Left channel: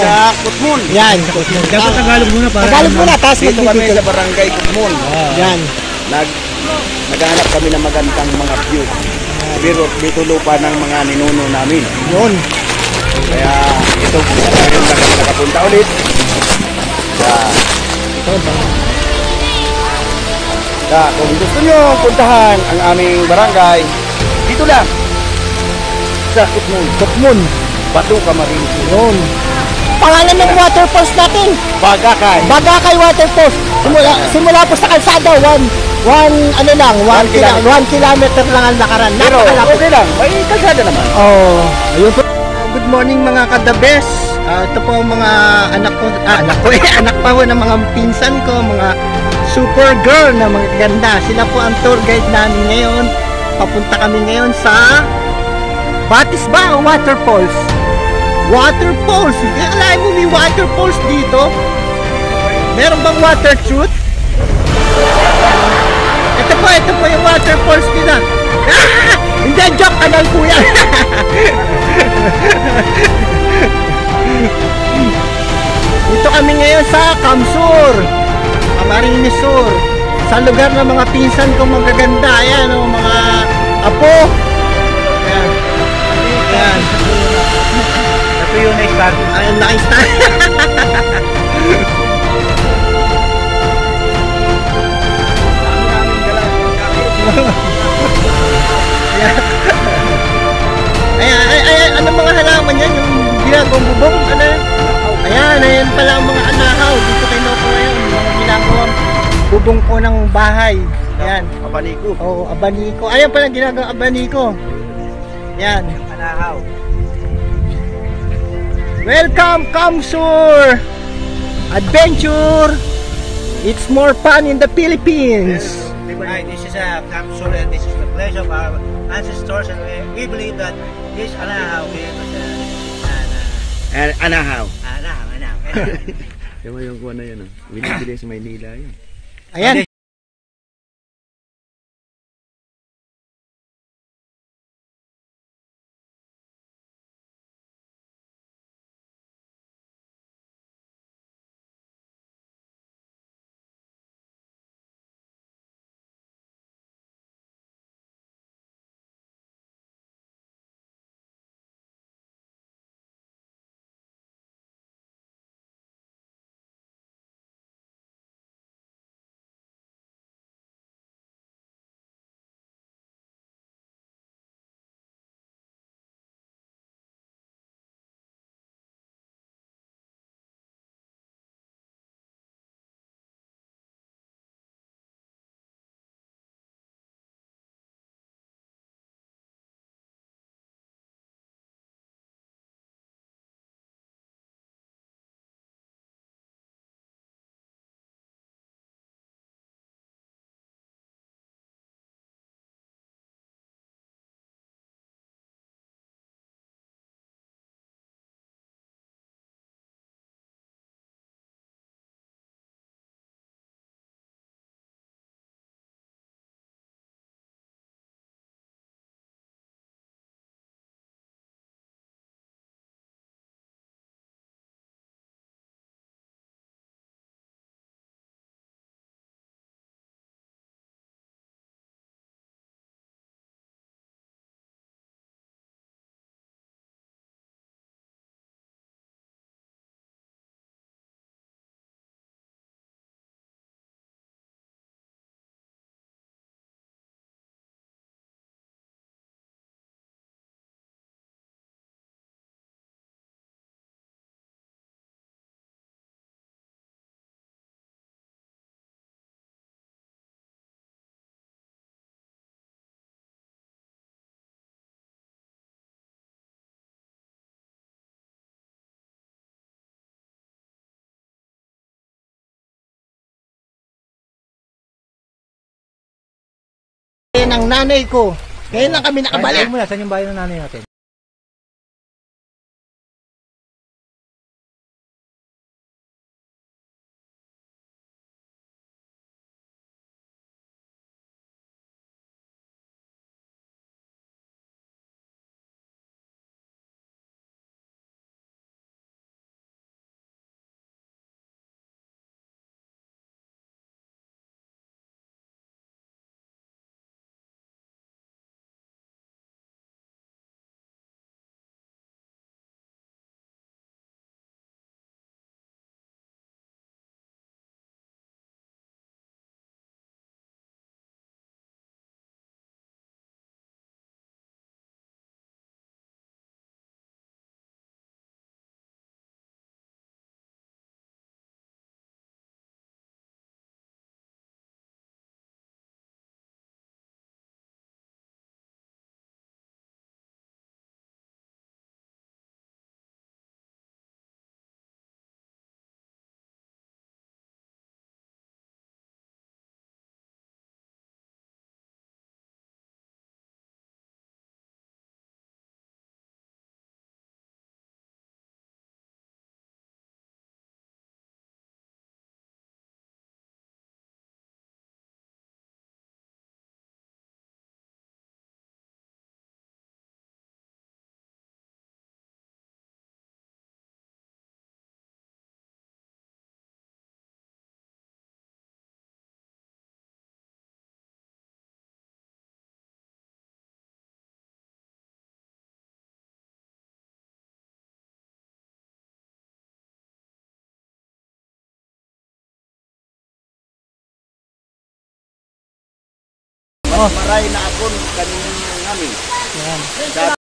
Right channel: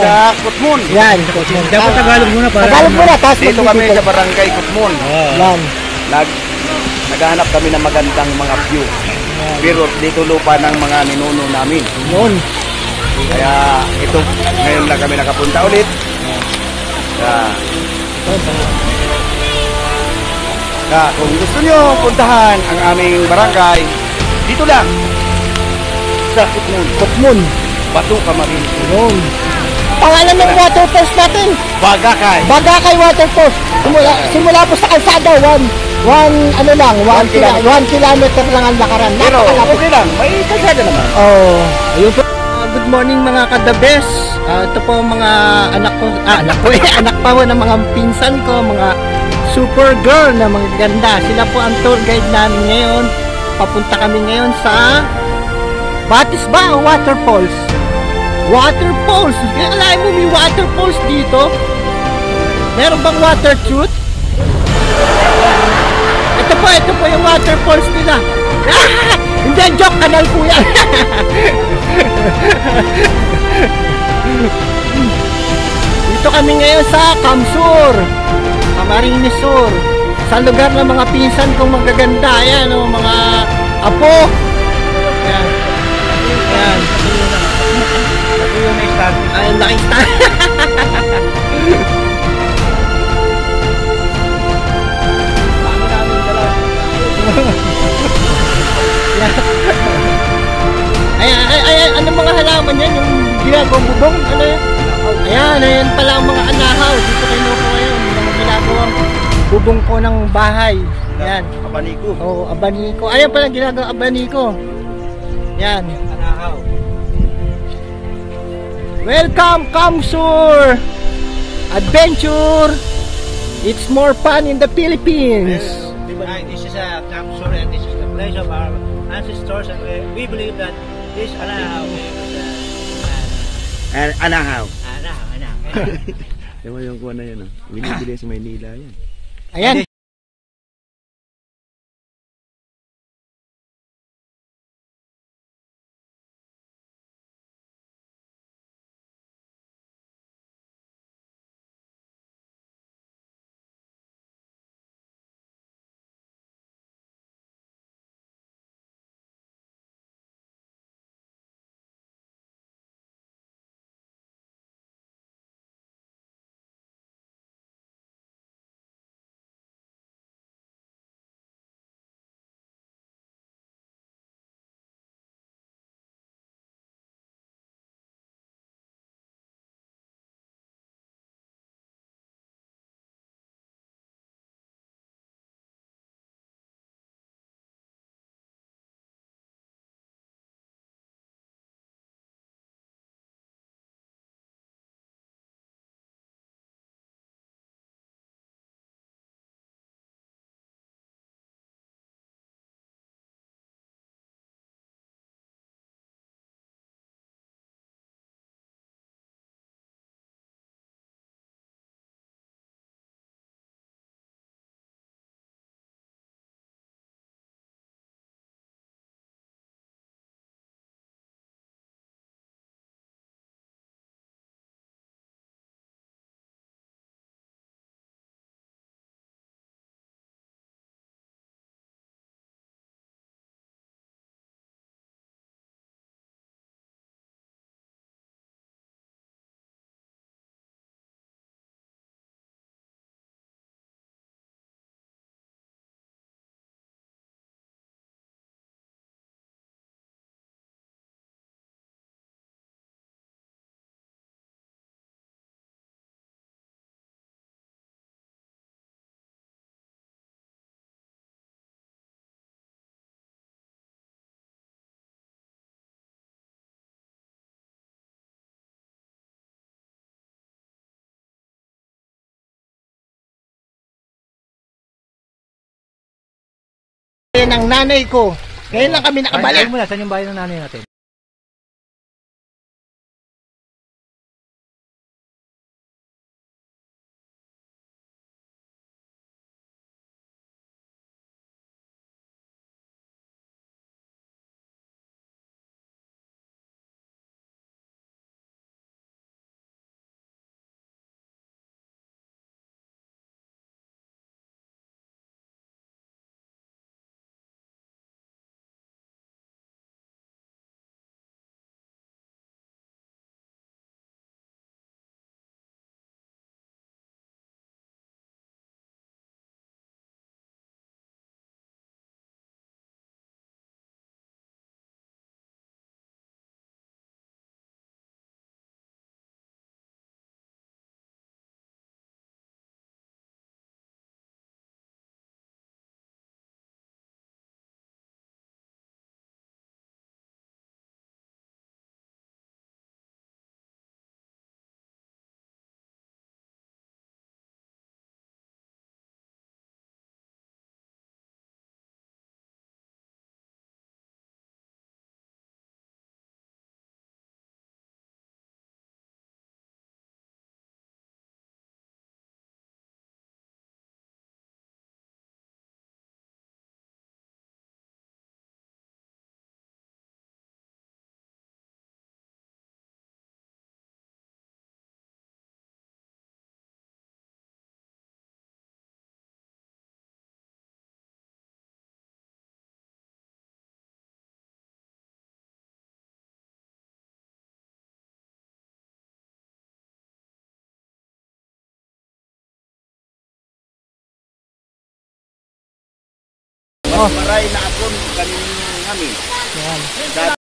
sa Kutmon. Yan, Kutmon. Dapat Tagalog muna. Tagalog muna, tapos Dito kami sa barangay Kutmon. Yan. Naghahanap kami ng magandang mga view. Pero dito lupa ng mga ninuno namin. Yun. Kaya ito, ngayon lang kami nakapunta ulit. Kung gusto nyo puntahan ang aming barangay, dito lang. Sa Kutmon. Kutmon. Bato Camarines. Yun. Pangalan ng waterfalls natin. Bagakay. Bagakay Waterfalls. Simula po sa kalsada, 1 kilometer lang ang lakaran. Pero Napakalapit. okay lang, may kalsada naman. Oh, ayun po. Good morning mga kadabes. Ito po mga anak ko, anak pa po ng mga pinsan ko, mga super girl na mga ganda. Sila po ang tour guide namin ngayon. Papunta kami ngayon sa Batisba Waterfalls. Waterfalls. Alam mo may waterfalls dito? Meron bang water truth? Ito po yung waterfalls nila. Ah! Hindi, joke, kanal po yan. Dito kami ngayon sa Kamsur, Camarines Sur, sa lugar ng mga pinsan kong magaganda. Ayan, oh, mga apo. Ayan. Ayan. Ito yung may star. Ayan, nakita. Ayan, anong mga halaman yan? Yung ginagawang bubong? Ano yan? Ayan pala ang mga anahaw. Dito kay Noko ngayon. Mga ginagawang bubong po ng bahay. Ayan. Abaniko. Oo, abaniko. Ayan pala ginagawang abaniko. Ayan. Anahaw. Welcome, Kamsur! Adventure! It's more fun in the Philippines. This is a Kamsur and this is the place of our ancestors, and we believe that this Anahaw Anahaw. Anahaw. Yung kuha na yun. Binibili sa Maynila yun. Ayan. Ng nanay ko. Ngayon lang kami nakabalik. Saan yung bahay ng nanay natin? Oh. Maray na akon kanin namin. Yan.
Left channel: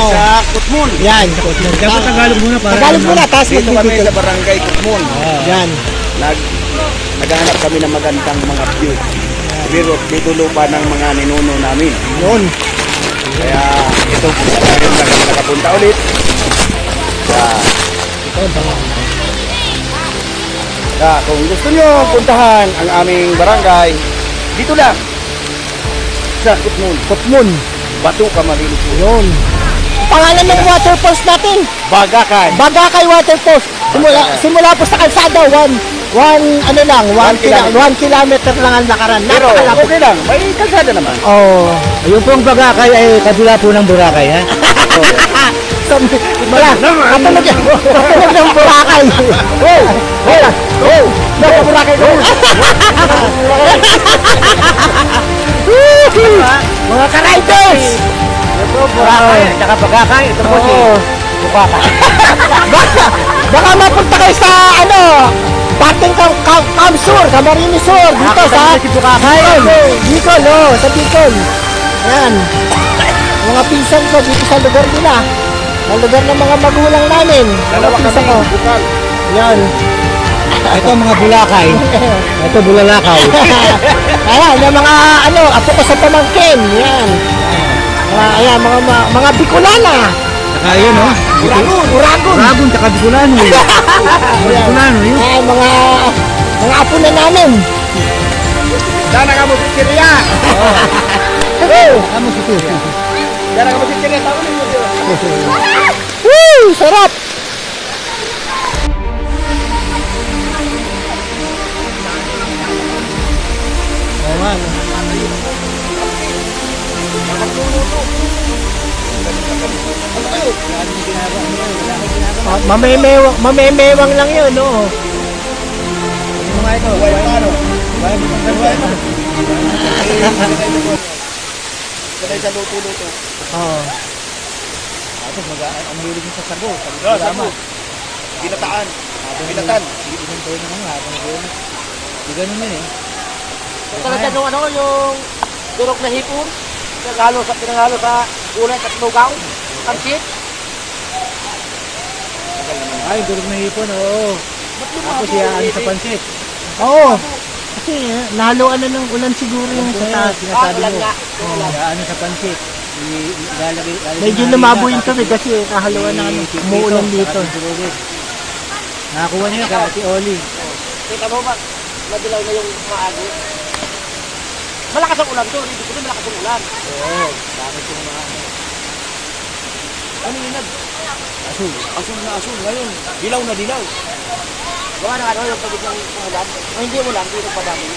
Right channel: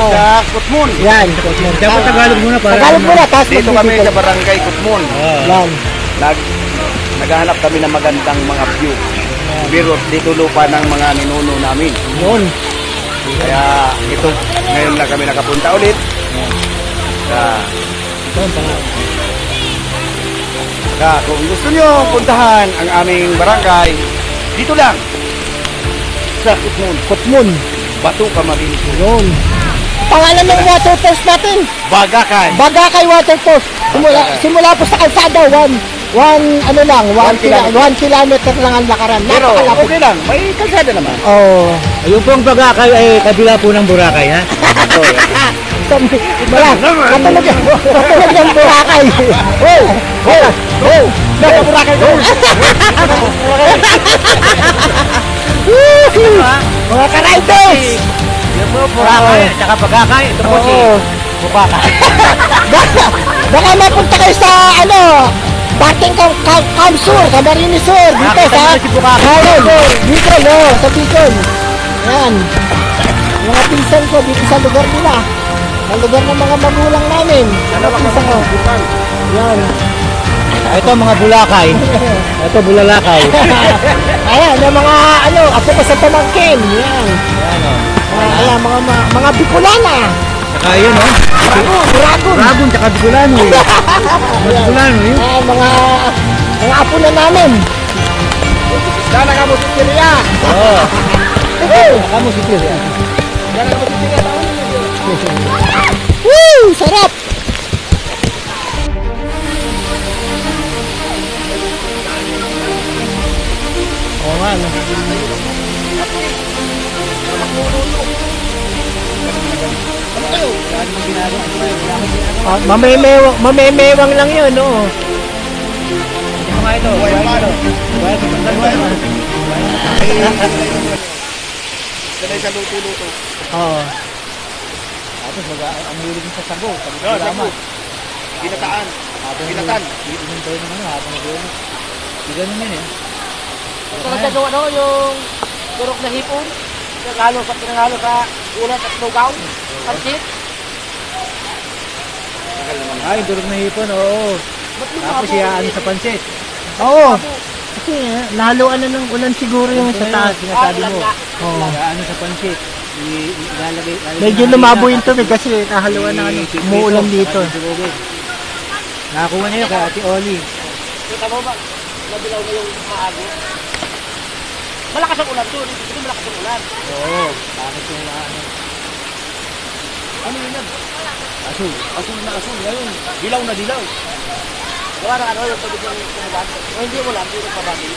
Sa Kutmon. Yan. Tagalog muna. Tagalog muna, tapos Dito kami magbibigay. sa barangay Kutmon. Yan. Naghahanap kami ng magandang mga view. Pero dito lupa ng mga ninuno namin. Yun. Kaya ito, ngayon na kami nakapunta ulit. Kung gusto nyo puntahan ang aming barangay, dito lang. Sa Kutmon. Kutmon. Bato Camarines Sur. Yun. Pangalan ng waterfalls natin. Bagakay. Bagakay Waterfalls. Simula po sa kalsada, one kilometer lang ang lakaran. Pero Napakalapit. okay lang, may kalsada naman. Oh. Ayun po ang Bagakay ay kabila po ng Boracay, ha? Wala, katulog yan. Katulog ng Boracay. Nasa Boracay ko. Mga ka-riders! Ayun po, Boracay, tsaka Bagakay. Ito po si Bukakay. Baka mapunta kayo sa dating Kamsur, Camarines Sur, dito Nakita sa niyo si Bukakay. Bicol, sa Bicol. Ayan. Mga pinsan ko dito sa lugar nila. Sa lugar ng mga magulang namin. Dalawa Mga kami pinsan ko. bukal. Yan. Ito mga Bulakay. Ito Bulalakay. Ayan, yung mga apo ko sa pamangkin. Yan. Ayan, mga Bicolana. Saka yun, ha? Uragon. Uragon, tsaka Bicolano. Bicolano, yun. Ayan, mga apo na namin. Sana kami si Syria. Kami si Tio. Yan ang kapatid niya, tawanin mo yun. Woo! Sarap! Oo nga, no? Ano kayo? Mamemewang lang yun, no? Ano mga ito? Buhay ang ano? Buhay mo itong Buhay ganito. mo. Sanay sa luto-luto. Oo. Tapos ang hilig mo sa sago. Sago. Ginataan. Ginatan. Inuntay mo nga habang nag-ulit. Di ganun yun, eh. Talaga mo yung turok na hipon? Pinangalo sa ulan at lugaw? Kansit? Tagal naman. Ay, durog ng hipon, oo. Tapos yan sa pansit. Oo. Kasi nahaluan na ng ulan siguro yung sa taas. Sinasabi mo. Ano sa pansit. Ilalagay Medyo lumabo yung tubig kasi nahaluan na umuulan dito. Nakakuha niyo kay Ate Oli. Kita mo ba? Nabilay mo yung kaagi. Malakas ang ulan to. Hindi ko malakas ang ulan. Oo. Bakit yung Ano yun? Asul. Asul na asul. Ngayon, dilaw na dilaw. Wala na ano yung pagod ng ulan. Hindi mo lang, hindi mo pabali.